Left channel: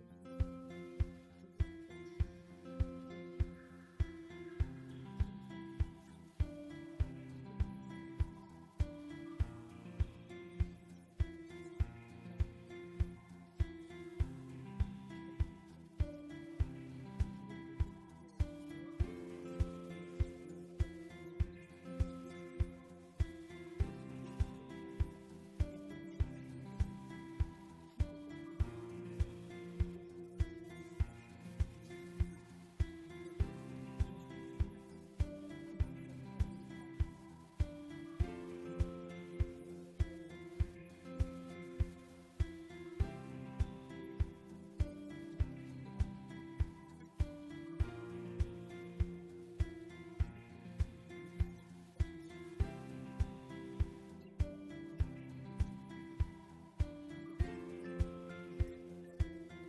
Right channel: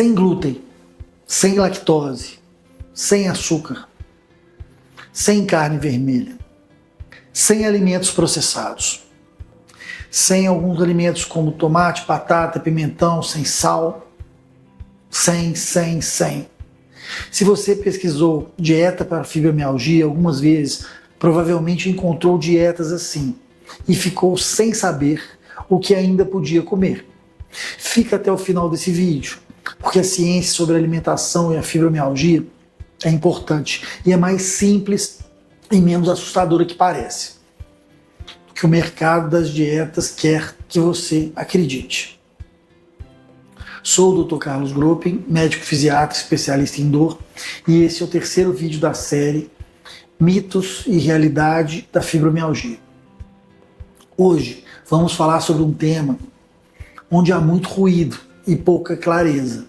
sem glúten, sem lactose, sem açúcar, sem carne vermelha, sem alimentos processados, sem alguns alimentos como tomate, batata, pimentão, sem sal, sem. Se você pesquisou dieta para fibromialgia algumas vezes, provavelmente encontrou dietas assim e ficou sem saber o que ainda podia comer. Fica até o final desse vídeo, porque a ciência sobre a alimentação e a fibromialgia é importante e é mais simples e menos assustadora que parece, que o mercado das dietas quer que você acredite. Sou o Dr. Carlos Gropin, médico fisiatra especialista em dor, e esse é o terceiro vídeo da série Mitos e Realidade da Fibromialgia. Hoje vamos falar sobre um tema onde há muito ruído e pouca clareza:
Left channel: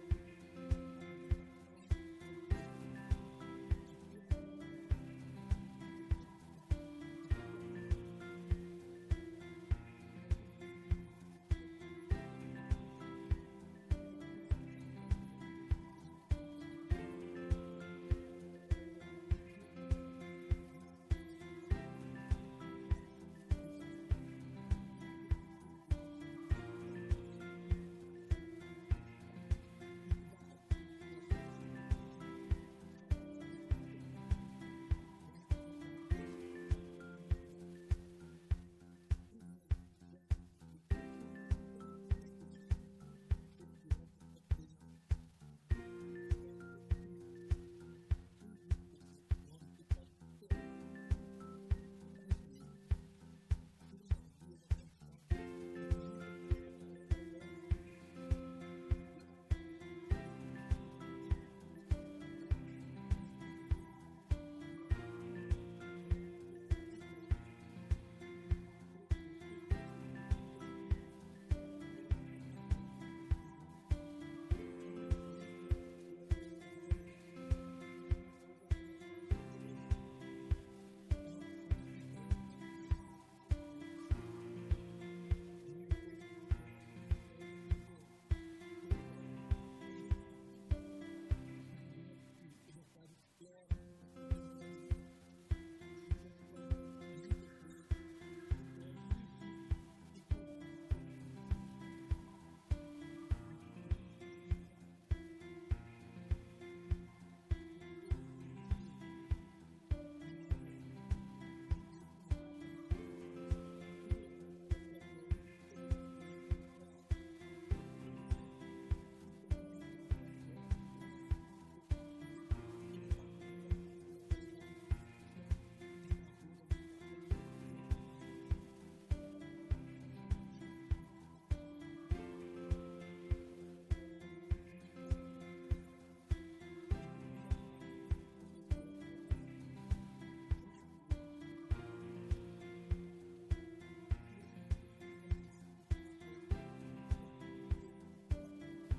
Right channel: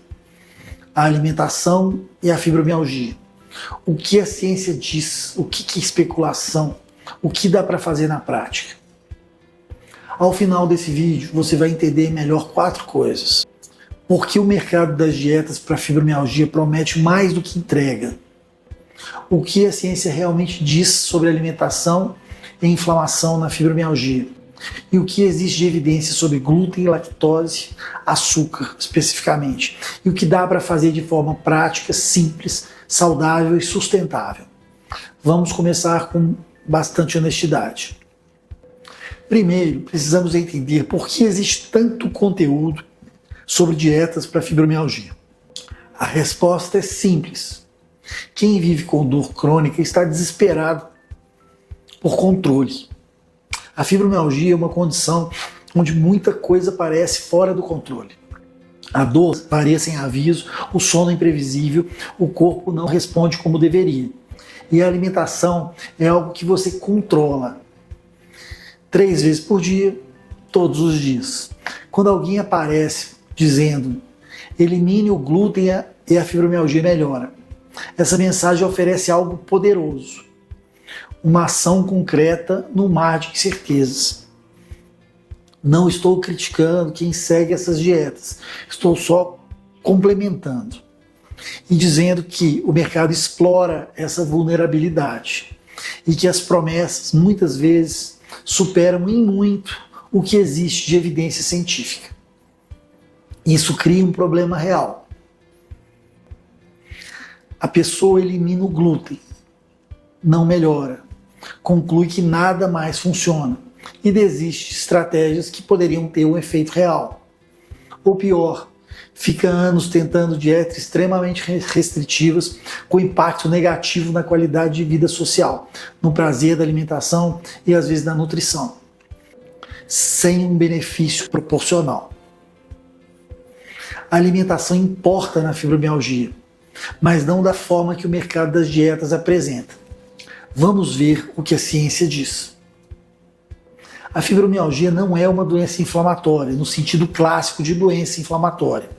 a alimentação e a fibromialgia. O que a ciência diz, o que é especulação, o que dá para fazer na prática. Ao final desse vídeo você vai entender melhor 4 coisas. Por que o mercado das dietas para fibromialgia promete mais do que entrega? O que a ciência realmente diz sobre alimentação e inflamação na fibromialgia? E o que existe de evidência sobre glúten, lactose, açúcar especificamente? E o que dá para fazer de forma prática, simples, saudável e sustentável? Vamos começar com bastante honestidade. Primeiro, precisamos entender por que existe tanto conteúdo sobre dietas para fibromialgia. A resposta é simples. Quem vive com dor crônica está desesperado por controle. A fibromialgia é uma condição onde muita coisa parece fora do controle. A dor varia sem aviso, o sono é imprevisível, o corpo não responde como deveria. E a alimentação é algo que você controla 3 vezes por dia, todos os dias. Quando alguém aparece dizendo elimine o glúten e a fibromialgia melhora, essa mensagem oferece algo poderoso, uma ação concreta no mar de incertezas. Não estou criticando quem segue essas dietas, estou só complementando e dizendo que o mercado explora essa vulnerabilidade e que as promessas muitas vezes superam em muito o que existe de evidência científica. Isso cria um problema real. A pessoa elimina o glúten, não melhora, conclui que nada mais funciona e desiste de estratégias que poderiam ter um efeito real. Ou pior, fica anos tentando dietas extremamente restritivas com impacto negativo na qualidade de vida social, no prazer da alimentação e às vezes na nutrição, sem um benefício proporcional. A alimentação importa na fibromialgia, mas não da forma que o mercado das dietas apresenta. Vamos ver o que a ciência diz. A fibromialgia não é uma doença inflamatória, no sentido clássico de doença inflamatória.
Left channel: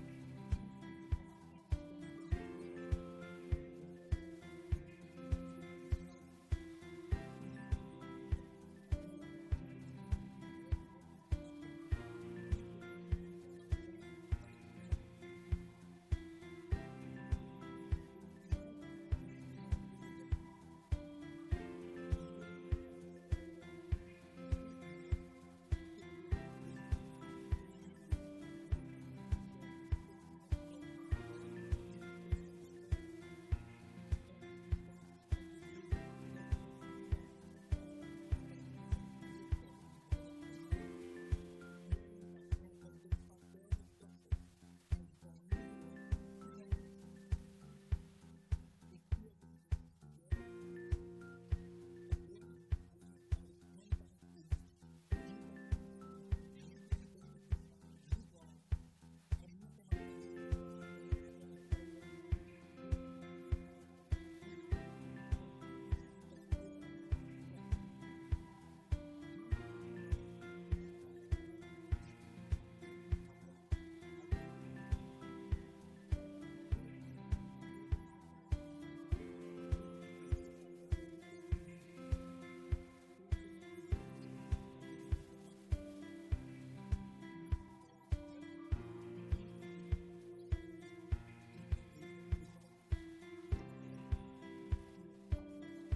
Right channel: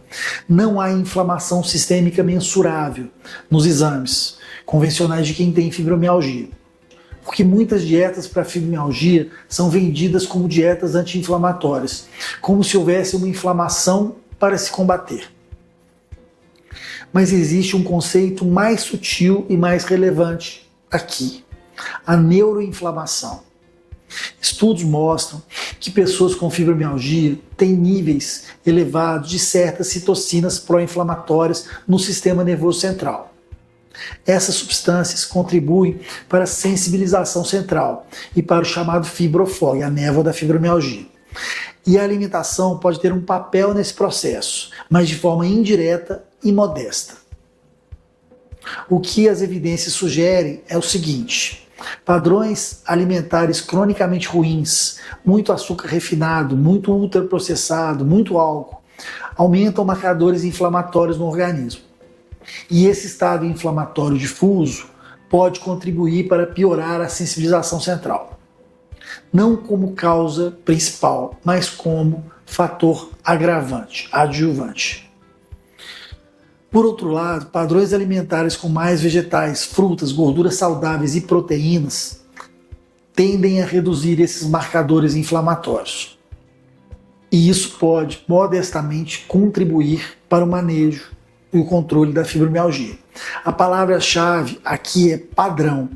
Não há inflamação sistêmica mensurável nos exames convencionais de quem tem fibromialgia, porque muitas dietas para fibromialgia são vendidas como dietas anti-inflamatórias, como se houvesse uma inflamação para se combater. Mas existe um conceito mais sutil e mais relevante aqui: a neuroinflamação. Estudos mostram que pessoas com fibromialgia têm níveis elevados de certas citocinas pró-inflamatórias no sistema nervoso central. Essas substâncias contribuem para a sensibilização central e para o chamado fibrofog, a névoa da fibromialgia. E a alimentação pode ter um papel nesse processo, mas de forma indireta e modesta. O que as evidências sugerem é o seguinte: padrões alimentares cronicamente ruins, muito açúcar refinado, muito ultraprocessado, muito álcool, aumentam marcadores inflamatórios no organismo. E esse estado inflamatório difuso pode contribuir para piorar a sensibilização central. Não como causa principal, mas como fator agravante, adjuvante. Por outro lado, padrões alimentares com mais vegetais, frutas, gorduras saudáveis e proteínas tendem a reduzir esses marcadores inflamatórios. E isso pode, modestamente, contribuir para o manejo e o controle da fibromialgia. A palavra-chave aqui é padrão.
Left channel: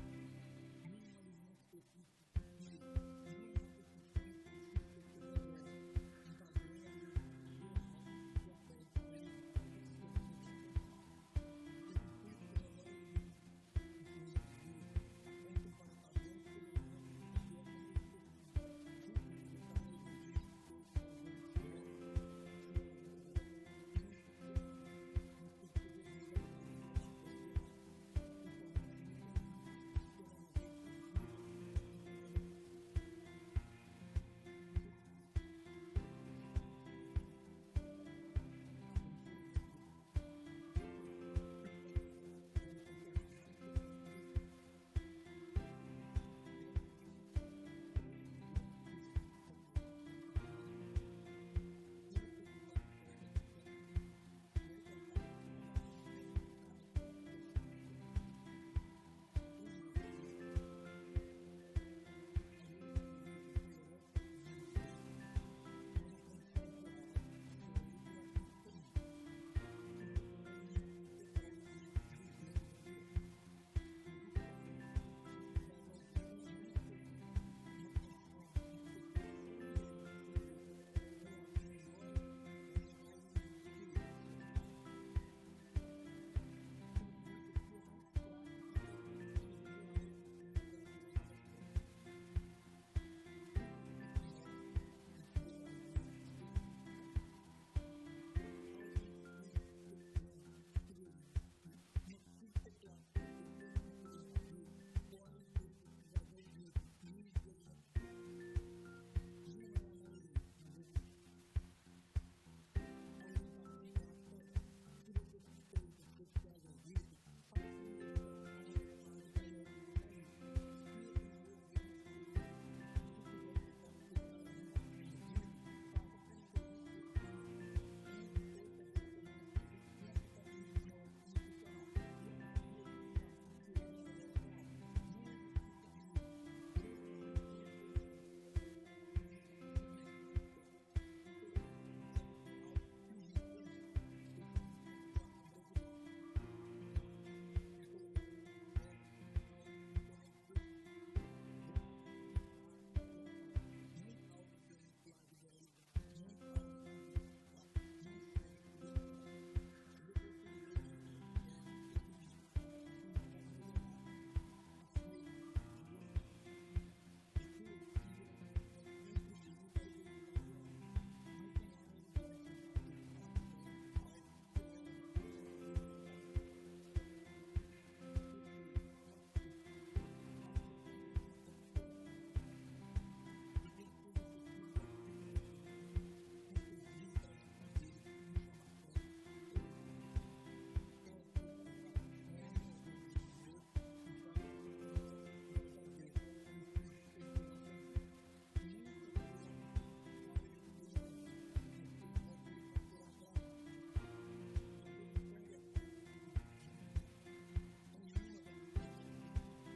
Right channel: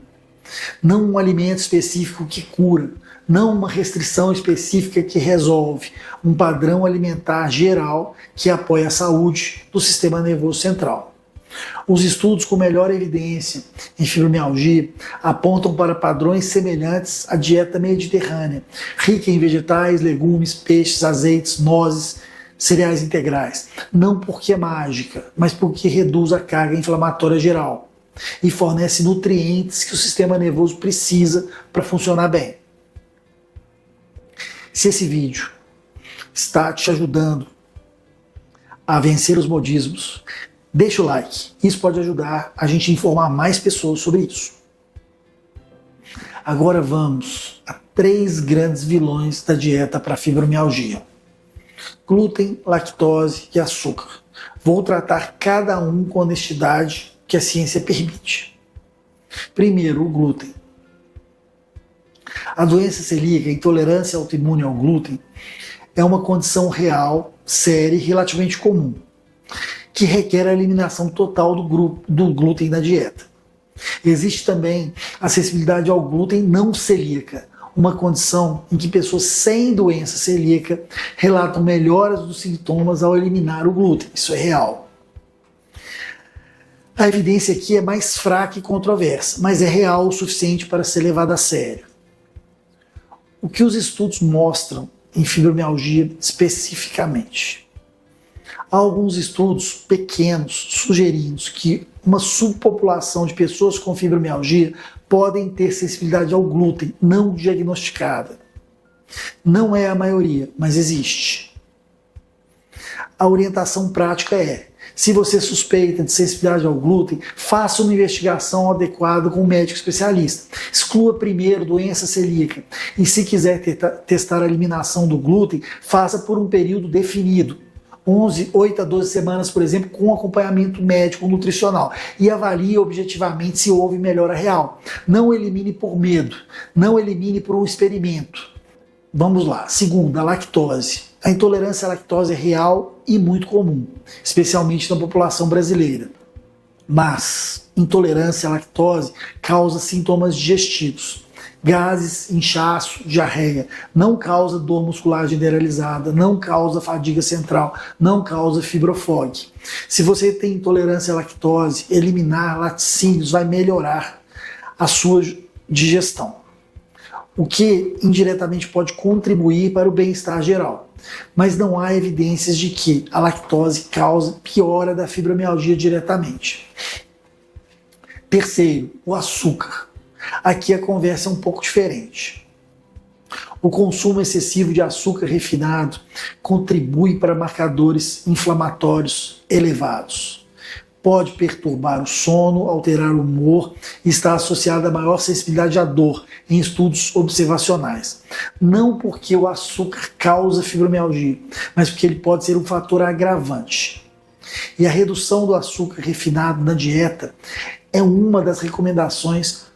Não um alimento específico que cura, não uma restrição específica que resolve, um padrão alimentar geral que apoia a saúde do sistema nervoso central. Os estudos com melhor evidência em fibromialgia apontam para padrões semelhantes à dieta mediterrânea, rica em vegetais, legumes, peixes, azeites, nozes, cereais integrais. Não porque é mágica, mas porque reduz a carga inflamatória geral e fornece nutrientes que o sistema nervoso precisa para funcionar bem. Se esse vídeo está te ajudando a vencer os modismos, deixa o like. Isso pode ajudar a gente a informar mais pessoas sobre isso. Agora vamos a 3 grandes vilões da dieta para fibromialgia: glúten, lactose e açúcar. Vou tratar cada um com a honestidade que a ciência permite. Primeiro, o glúten. A doença celíaca, a intolerância autoimune ao glúten, é uma condição real, séria e relativamente comum, que requer a eliminação total do glúten da dieta. Existe também a sensibilidade ao glúten não celíaca, uma condição em que pessoas sem doença celíaca relatam melhoras dos sintomas ao eliminar o glúten. Isso é real. A evidência aqui é mais fraca e controversa, mas é real o suficiente para ser levada a sério. O que os estudos mostram em fibromialgia especificamente? Há alguns estudos pequenos sugerindo que uma subpopulação de pessoas com fibromialgia podem ter sensibilidade ao glúten não diagnosticada. Não é a maioria, mas existe. A orientação prática é: se você suspeita de sensibilidade ao glúten, faça uma investigação adequada com um médico especialista. Exclua primeiro doença celíaca e, se quiser testar a eliminação do glúten, faça por um período definido. 8 a 12 semanas, por exemplo, com acompanhamento médico nutricional, e avalie objetivamente se houve melhora real. Não elimine por medo, não elimine por um experimento. Vamos lá. Segundo, a lactose. A intolerância à lactose é real e muito comum, especialmente na população brasileira. Mas intolerância à lactose causa sintomas digestivos: gases, inchaço, diarreia. Não causa dor muscular generalizada, não causa fadiga central, não causa fibrofog. Se você tem intolerância à lactose, eliminar laticínios vai melhorar a sua digestão, o que indiretamente pode contribuir para o bem-estar geral. Mas não há evidências de que a lactose causa piora da fibromialgia diretamente. Terceiro, o açúcar. Aqui a conversa é um pouco diferente. O consumo excessivo de açúcar refinado contribui para marcadores inflamatórios elevados. Pode perturbar o sono, alterar o humor e está associado a maior sensibilidade à dor em estudos observacionais. Não porque o açúcar causa fibromialgia, mas porque ele pode ser um fator agravante. E a redução do açúcar refinado na dieta é uma das recomendações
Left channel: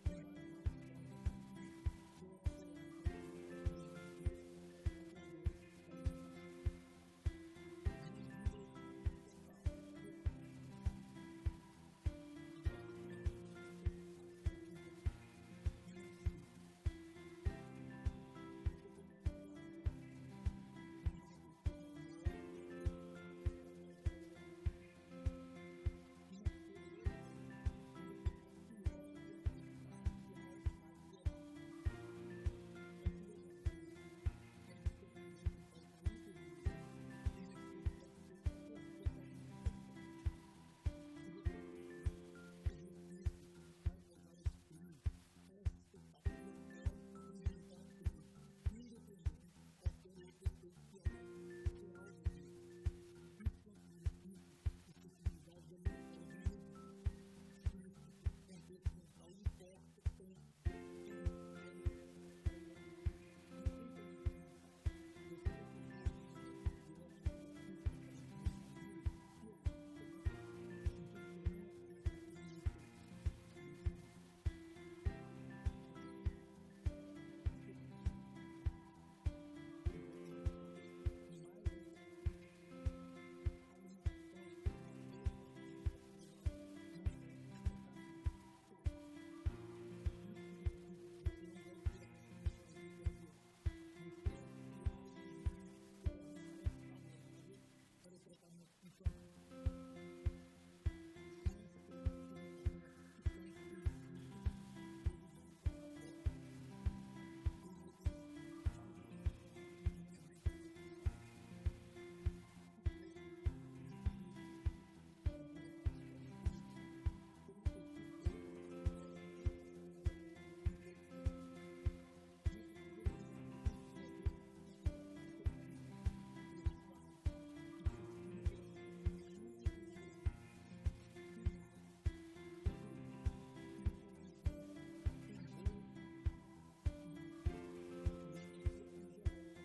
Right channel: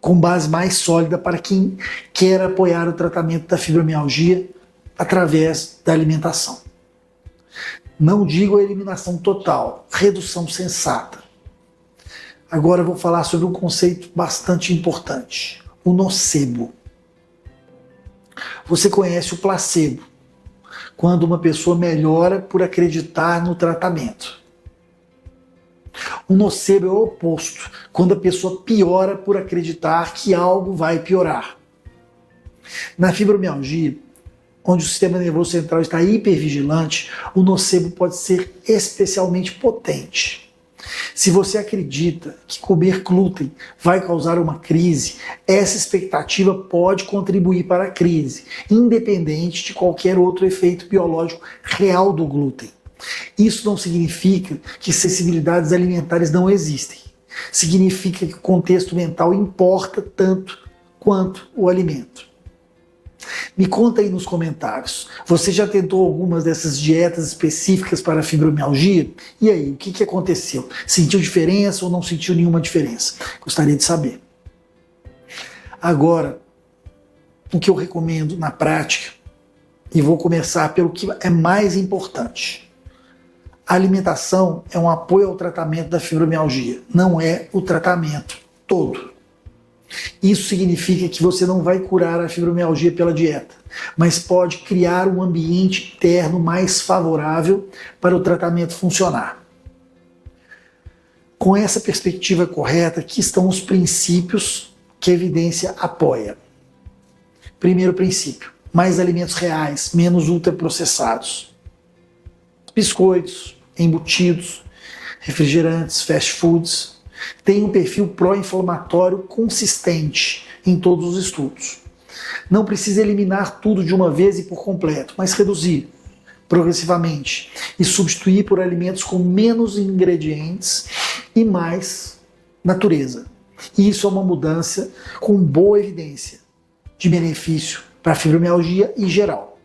com base mais sólida para quem quer apoiar o tratamento da fibromialgia através da alimentação. Não digo a eliminação total, redução sensata. Agora eu vou falar sobre um conceito bastante importante: o nocebo. Você conhece o placebo, quando uma pessoa melhora por acreditar no tratamento. O nocebo é o oposto, quando a pessoa piora por acreditar que algo vai piorar. Na fibromialgia, onde o sistema nervoso central está hipervigilante, o nocebo pode ser especialmente potente. Se você acredita que comer glúten vai causar uma crise, essa expectativa pode contribuir para a crise, independente de qualquer outro efeito biológico real do glúten. Isso não significa que sensibilidades alimentares não existem. Significa que o contexto mental importa tanto quanto o alimento. Me conta aí nos comentários, você já tentou algumas dessas dietas específicas para a fibromialgia? E aí, o que aconteceu? Sentiu diferença ou não sentiu nenhuma diferença? Gostaria de saber. Agora, o que eu recomendo na prática, e vou começar pelo que é mais importante: A alimentação é um apoio ao tratamento da fibromialgia, não é o tratamento todo. Isso significa que você não vai curar a fibromialgia pela dieta, mas pode criar um ambiente interno mais favorável para o tratamento funcionar. Com essa perspectiva correta, aqui estão os princípios que a evidência apoia. Primeiro princípio: mais alimentos reais, menos ultraprocessados. Biscoitos, embutidos, refrigerantes, fast foods têm um perfil pró-inflamatório consistente em todos os estudos. Não precisa eliminar tudo de uma vez e por completo, mas reduzir progressivamente e substituir por alimentos com menos ingredientes e mais natureza. E isso é uma mudança com boa evidência de benefício para a fibromialgia em geral.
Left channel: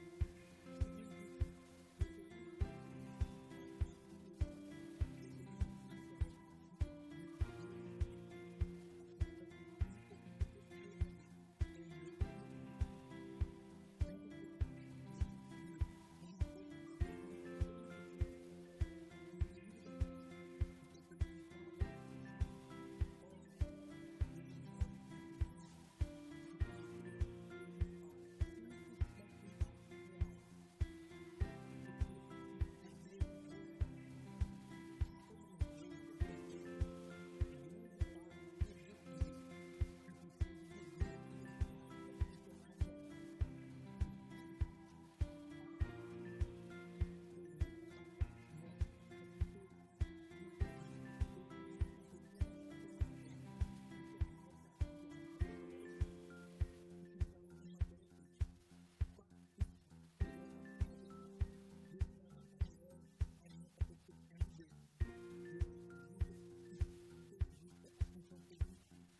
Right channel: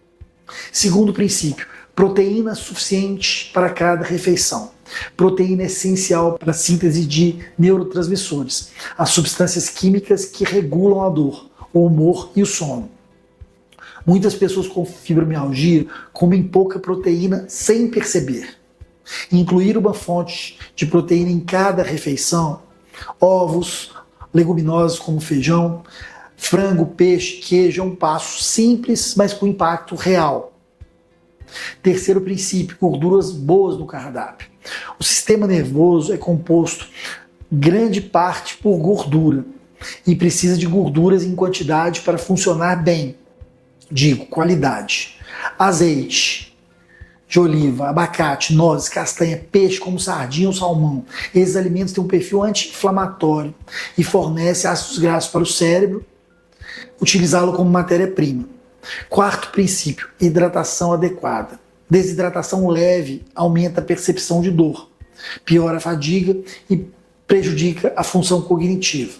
Segundo princípio: proteína suficiente para cada refeição. Proteína é essencial para a síntese de neurotransmissores, as substâncias químicas que regulam a dor, o humor e o sono. Muitas pessoas com fibromialgia comem pouca proteína sem perceber. Incluir uma fonte de proteína em cada refeição, ovos, leguminosas como feijão, frango, peixe, queijo, é um passo simples, mas com impacto real. Terceiro princípio: gorduras boas no cardápio. O sistema nervoso é composto grande parte por gordura e precisa de gorduras em quantidade para funcionar bem. Digo, qualidade. Azeite de oliva, abacate, nozes, castanha, peixe como sardinha ou salmão. Esses alimentos têm um perfil anti-inflamatório e fornecem ácidos graxos para o cérebro utilizá-lo como matéria-prima. Quarto princípio: hidratação adequada. Desidratação leve aumenta a percepção de dor, piora a fadiga e prejudica a função cognitiva.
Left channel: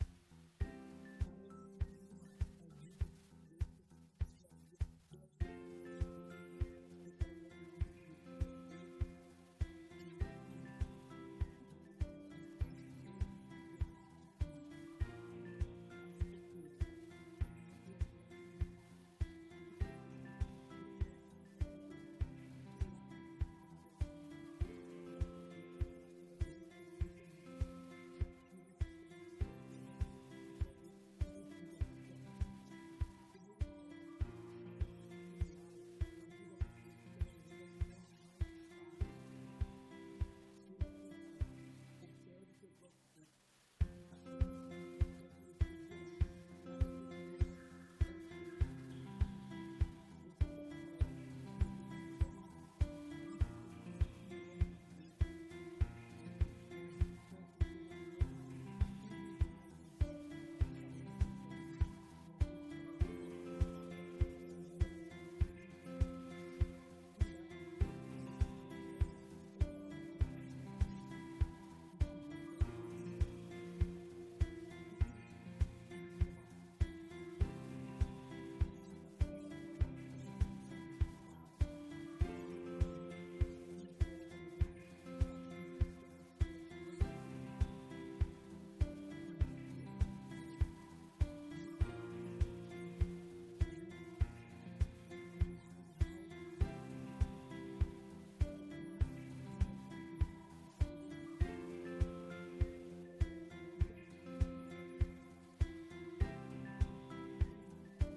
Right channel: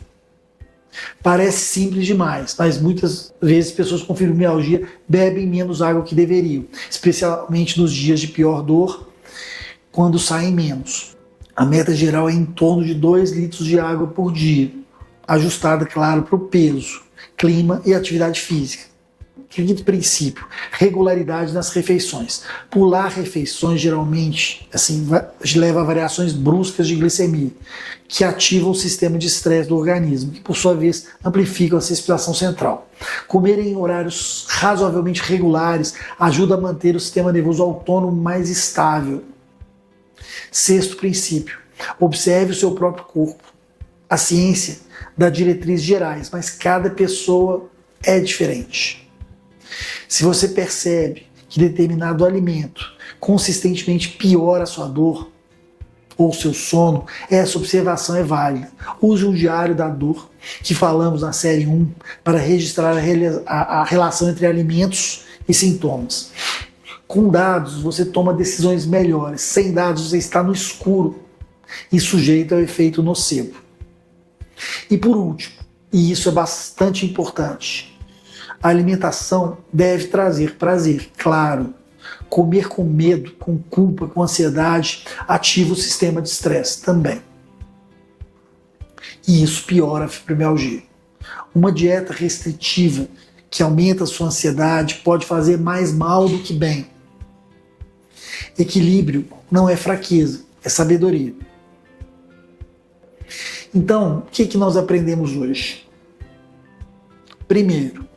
Parece simples demais, mas muitas vezes pessoas com fibromialgia bebem menos água que deveriam, especialmente nos dias de pior dor, quando saem menos. A meta geral é em torno de 2 litros de água por dia, ajustada, claro, para o peso, clima e atividade física. Quinto princípio: regularidade nas refeições. Pular refeições geralmente leva a variações bruscas de glicemia, que ativam o sistema de estresse do organismo, que por sua vez amplificam a respiração central. Comer em horários razoavelmente regulares ajuda a manter o sistema nervoso autônomo mais estável. Sexto princípio: observe o seu próprio corpo. A ciência dá diretrizes gerais, mas cada pessoa é diferente. Se você percebe que determinado alimento consistentemente piora a sua dor ou seu sono, essa observação é válida. Use um diário da dor, que falamos na série 1, para registrar a relação entre alimentos e sintomas. Com dados, você toma decisões melhores. Sem dados, você está no escuro e sujeito ao efeito nocebo. E por último, e isso é bastante importante, a alimentação deve trazer prazer, claro. Comer com medo, com culpa, com ansiedade, ativa o sistema de estresse também. E isso piora a fibromialgia. Uma dieta restritiva que aumenta a sua ansiedade pode fazer mais mal do que bem. Equilíbrio não é fraqueza, é sabedoria. Então, o que nós aprendemos hoje? Primeiro,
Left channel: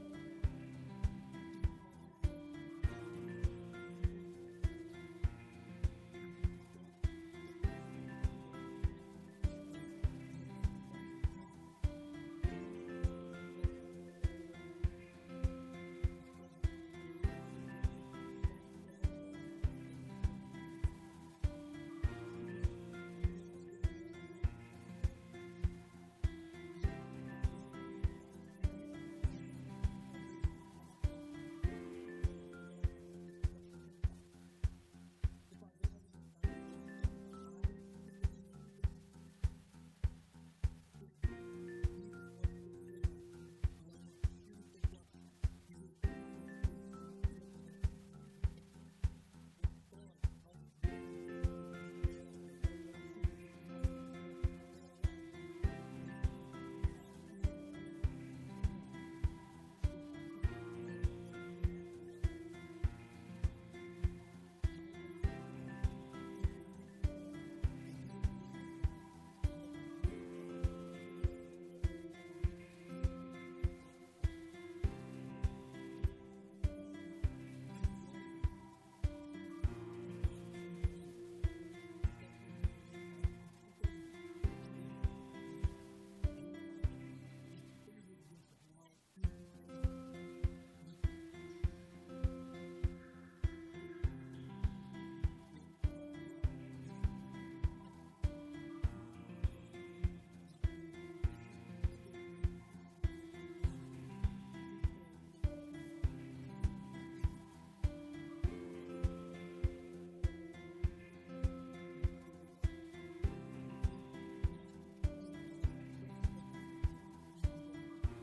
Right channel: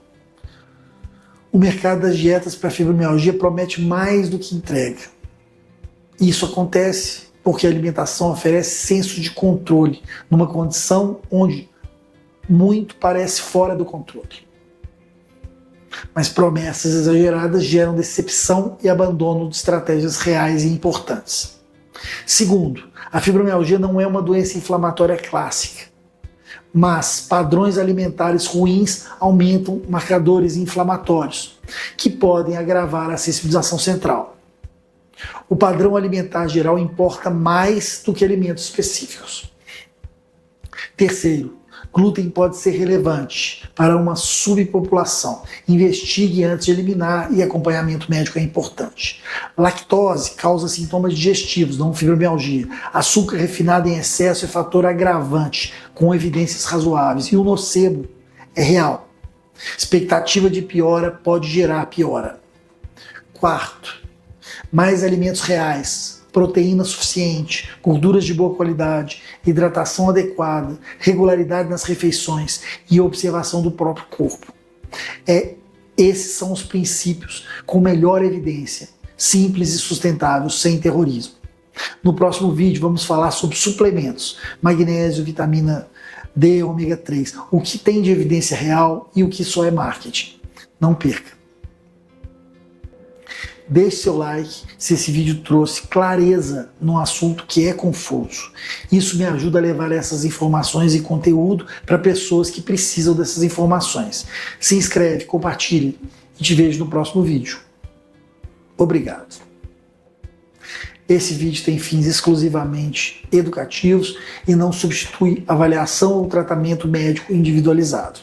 o mercado das dietas para fibromialgia promete mais do que entrega. Isso acontece porque a alimentação oferece senso de controle, numa condição onde muito parece fora do controle. Mas promessas exageradas geram decepção e abandono de estratégias reais e importantes. Segundo, a fibromialgia não é uma doença inflamatória clássica, mas padrões alimentares ruins aumentam marcadores inflamatórios, que podem agravar a sensibilização central. O padrão alimentar geral importa mais do que alimentos específicos. Terceiro, glúten pode ser relevante para uma subpopulação. Investigue antes de eliminar e acompanhamento médico é importante. Lactose causa sintomas digestivos, não fibromialgia. Açúcar refinado em excesso é fator agravante, com evidências razoáveis. E o nocebo é real. Expectativa de piora pode gerar piora. Quarto, mais alimentos reais, proteína suficiente, gorduras de boa qualidade, hidratação adequada, regularidade nas refeições e observação do próprio corpo. Esses são os princípios com melhor evidência, simples e sustentáveis, sem terrorismo. No próximo vídeo vamos falar sobre suplementos, magnésio, vitamina D, ômega 3, o que tem de evidência real e o que só é marketing. Não perca! Deixe seu like se esse vídeo trouxe clareza num assunto que é confuso. Isso me ajuda a levar essas informações e conteúdo para pessoas que precisam dessas informações. Se inscreve, compartilhe e te vejo no próximo vídeo. Obrigado. Esse vídeo tem fins exclusivamente educativos e não substitui avaliação ou tratamento médico individualizado.